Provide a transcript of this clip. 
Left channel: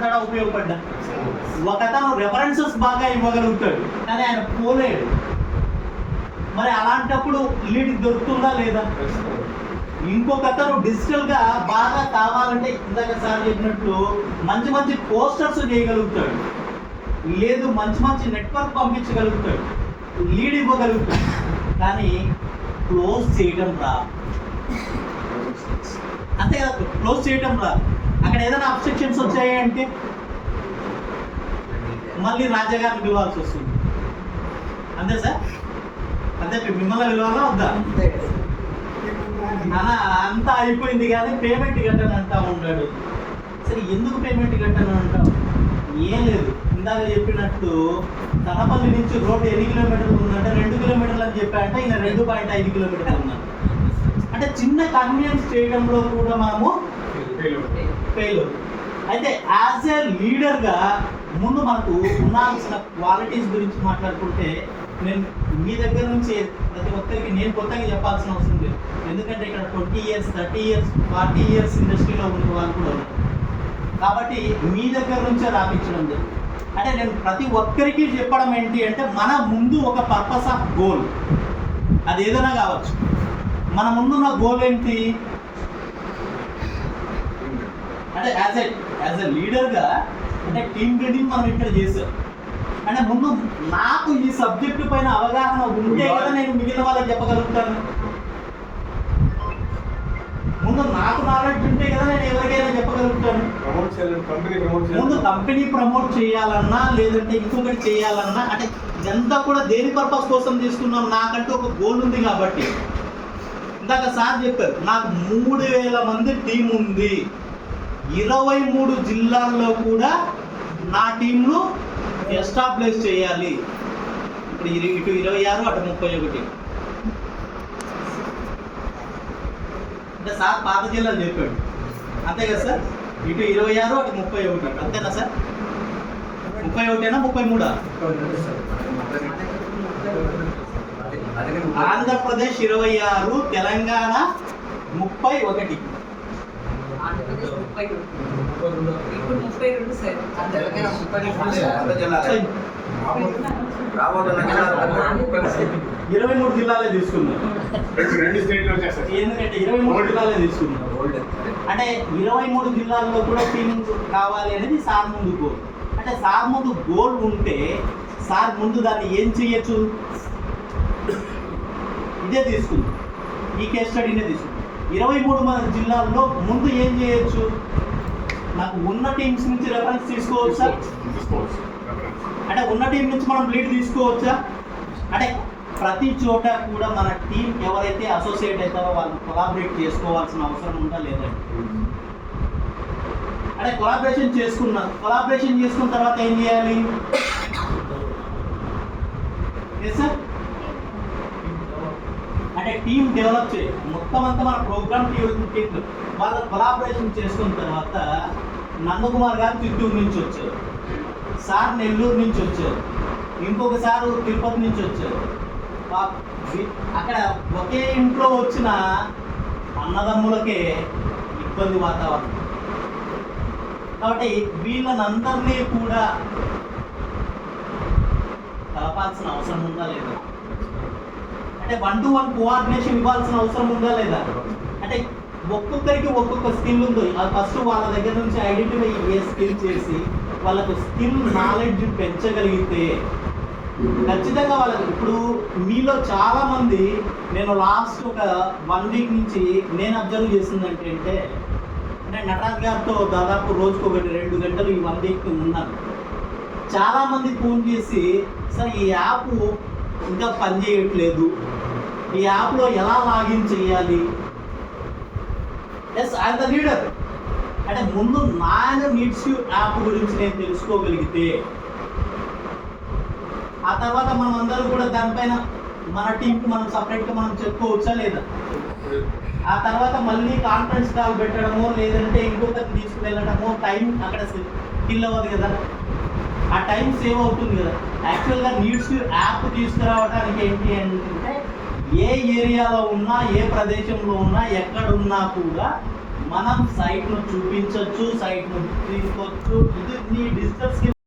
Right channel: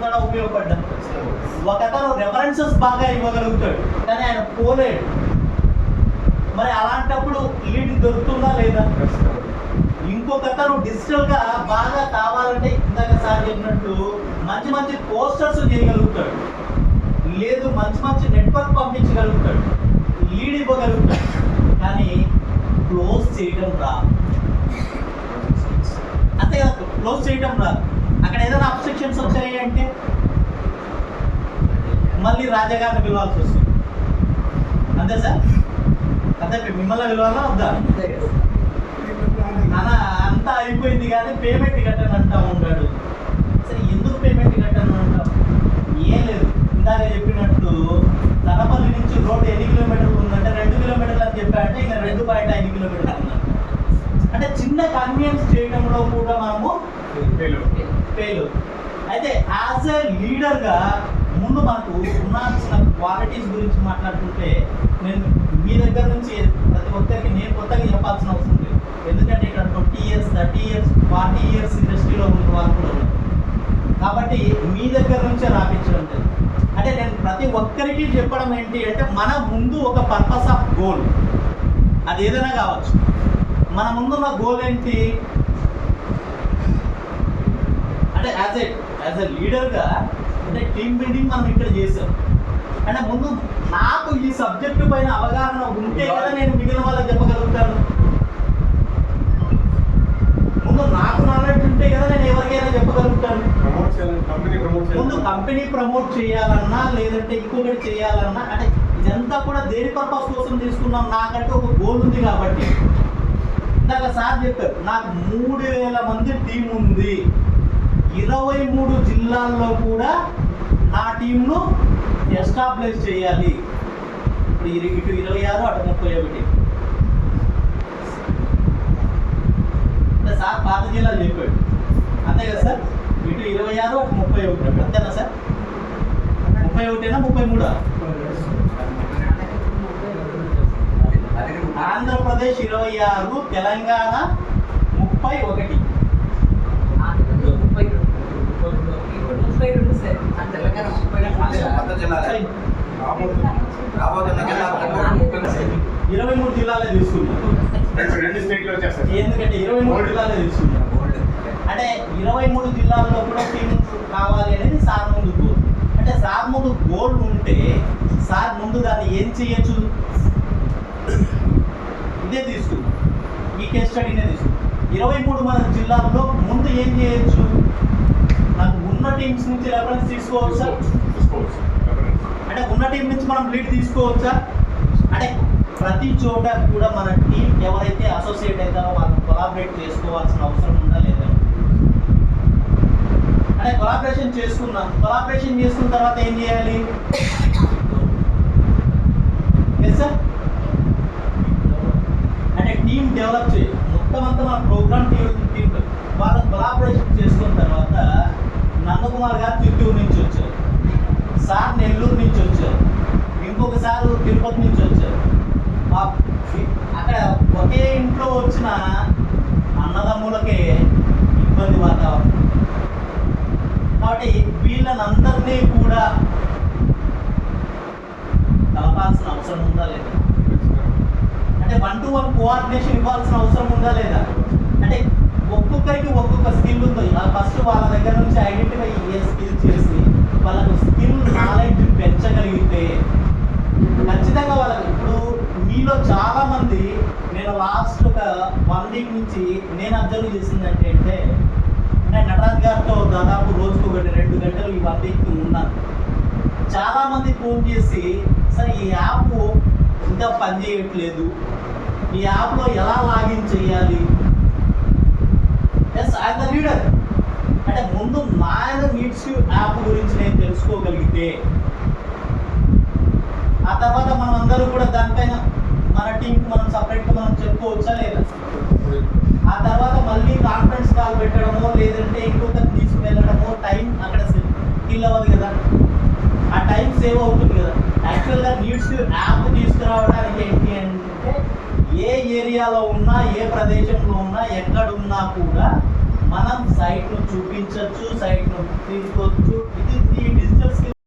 ఉపయోగపడతాడా? ఉపయోగపడ్డా. ఒకతను రెఫరెన్సెస్ బాగా ఇవ్వగలుగుతాడు కానీ ఆయన పోలేడు. మరి అలాంటప్పుడు లీడ్ దొరుకుతుందా లేదా? ఇంకొకతను డిజిటల్గా బాగా కావాలంటే ఇందాక సార్ చెప్పినట్లు మంచి మంచి పోస్టర్స్ చేయగలుగుతాడు, లేదు మంచి మంచి నెట్వర్క్ పంపించగలుగుతాడు, లీడ్ ఇవ్వగలుగుతాడు, కానీ క్లోజ్ చేయడం రా. అంతే కదా, క్లోజ్ చేయడం రా. అక్కడ ఏదైనా అబ్స్ట్రక్షన్స్ వచ్చాయి అంటే మళ్ళీ రాజాగారిని పిలవాల్సి వస్తుంది. అంతే సార్, అంతే మిమ్మల్ని పిలవాలా వద్దా? అలా అంతా అయిపోయింది కానీ పేమెంట్ కట్టను అంటా ఉంటాడు. సరే ఎందుకు పేమెంట్ కట్టను అంటావు? ఏం లేదు, ఇందాక చెప్పినట్లు తనపల్లి నుంచి రోడ్డు ఎన్ని కిలోమీటర్లు ఉందంటే 2 కిలోమీటర్లు అని చెప్పాడంటే ఈయన 2.5 కిలోమీటర్లు ఉందంట. అంటే చిన్న కన్వీనియన్స్ చేయడంలో కూడా మనము ఫెయిల్. అయితే యాజ్ ఏ లీడర్గా ముందు మనకు ఉండాల్సిన క్వాలిటీస్ గురించి మాట్లాడుకుంటే నేను మీ దగ్గర నుంచి ప్రతి ఒక్కరికి నేను కొత్తగా చెప్పాల్సిన అవసరం లేదు. ఎందుకంటే ఇక్కడ 20 years 30 years 40 years ఇండస్ట్రీలో ఉన్న వాళ్ళు కూడా ఉన్నారు కాబట్టి మీ దగ్గర నుంచే రాపించడం లేదు. అంటే నేను ప్రతి ఒక్కరికి చెప్పడం ఏంటి అంటే మన ముందు ఒక పర్పస్ ఆఫ్ గోల్, అది ఏదైనా కావచ్చు. మన ముందున్న గోల్ ఏంటి అంటే యాజ్ ఎ లీడర్గా అంటే టీమ్ బిల్డింగ్ మనం ఇక్కడ చేసాం అంటే ముందు నాకు ఈ సబ్జెక్టు పైన అవగాహన ఉంటే కదా నేను మిగిలిన వాళ్ళకి చెప్పగలుగుతాను. ముందు నాకు నాలెడ్జ్ ఉంటే కదా నేను ఎవరికైనా చెప్పగలుగుతాను. ముందు కంపెనీ ప్రమోట్ చేయాలన్నా లేదంటే ఇంకొకటి చేయాలన్నా అంటే ఇదంతా కూడా దేని పర్పస్ కోసం తీసుకున్నాం, నాకంటూ ఒక గోల్ ఉంది కాబట్టి. ఇందాక సార్ చెప్పారు నాకు 3000 మంది టీం ఉంది, 23 జిల్లాల్లో కూడా నా టీంను ఎస్టాబ్లిష్ చేయాలి. ఇప్పుడు ఇటు 26 అటు 31 అంటే సార్ పాత జిల్లాలు చెప్పాడు అంతే కదా సార్. ఇటు 26 అటు 31 అంతేనా సార్? 31 33 ఆంధ్రప్రదేశ్ 26, తెలంగాణ 31. ఇరవై 23 జిల్లాలే తీసుకున్నాం. ఎందుకంటే 23 జిల్లాలే తీసుకున్నాం. అంటే 23 జిల్లాల్లో కూడా టీమ్స్ కావాలి అనేది సార్ ముందు గోల్. అంటే సార్ ముందు గోల్ ఉంటే సార్ ముందు దాన్ని ఏం చేయొచ్చు, ఇదే తీసుకున్నాం, ఈ కేస్ స్టడీనే తీసుకున్నాం. 23 జిల్లాల్లో ముందు ఏం చేయొచ్చు, నాకు ఉన్న టీమ్స్ నుంచి రెఫరెన్స్ తీసుకోవచ్చా? అంటే ఉన్న టీం నుంచి మనం లీడ్ తీసుకోవచ్చా? అంటే ప్రతి చోట కూడా మన టీం ఎవరైతే అసోసియేట్ అవుతారో వాళ్ళని కొలాబరేట్ చేసుకోవాల్సిన అవసరం ఉందా లేదా? అంటే కొలాబరేషన్ చేసుకున్న తర్వాత ఏం చేయాలి? ఎస్ సార్, అంటే టీం డెవలప్ చేయాలి. మొత్తం అంతా మన ప్రోగ్రామ్ టీం వాళ్ళని కొలాబరేషన్ చేసుకున్న తర్వాత నందకుమార్ గారు చిత్తూరు నుంచి వచ్చారు, సార్ నెల్లూరు నుంచి వచ్చారు, ఇంకొక సారు తిరుపతి నుంచి వచ్చారు. అక్కడ ఒకే ఇంట్లో వచ్చిన అన్నదమ్ములకే ఇబ్బంది వాతావరణం కాబట్టి వీళ్ళనందరినీ కూడా కలపాల్సిన అవసరం ఉందా లేదా? అంటే 1-to-1 కోఆర్డినేషన్ ఇవ్వాల్సిన అవసరం ఉందా లేదా? అంటే ఒక్కొక్కరికి ఒక్కొక్క స్కిల్ ఉంది. ఫస్ట్ వాళ్ళ దగ్గర నుంచి ఐడెంటిఫై ఏ స్కిల్ చేసి వాళ్ళకు స్కిల్ నాలెడ్జ్ పెంచగలిగితే ఖచ్చితంగా వాళ్ళకి. ఇప్పుడు మీలో చాలామంది నేను లాస్ట్ ఒక 1 వీక్ నుంచి నేను అబ్జర్వ్ చేసిందంటే అంటే నటరాజ్ గారితో దాదాపు రోజుకు 1-2 గంటలు ఈ 1 వీక్ ఉన్నాను. చాలామంది ఫోన్ చేసి సార్ ఈ యాప్ ఇంకా పనిచేయట్లేదు, ఈ యాప్లో ఎలా లాగిన్ చేయాలి? S I the leader. అంటే ముందు నాయన నీడ్స్ యాప్ గురించి నేను తెలుసుకోగలిగితే ఆ తర్వాత మనం అందరూ కూడా దానిపైన మన టీంకి మనం సపరేట్గా మనం చెప్పుకోవచ్చా లేదా? ఆ తర్వాత మళ్ళీ కాన్ఫరెన్స్ కాల్ పెట్టడమో లేదంటే ఇంకొకటి తీసుకువెళ్ళడమో టైం అక్కడ కిల్ అవ్వదు కదా, ఆ టైం సేవ్ అవుతుంది కదా. యాక్చువల్గా నీడ్స్ యాప్ తీసుకురావడానికి ఏంటి అంటే ఏ ఏరియాలో ఉన్నా ఏ ప్రదేశంలో ఉన్నా ఎక్కడున్నా కూడా మనం సైట్ను చూపించవచ్చు, సైట్ను తీసుకోవచ్చు. ఇది ఈ డిజిటల్ స్కిల్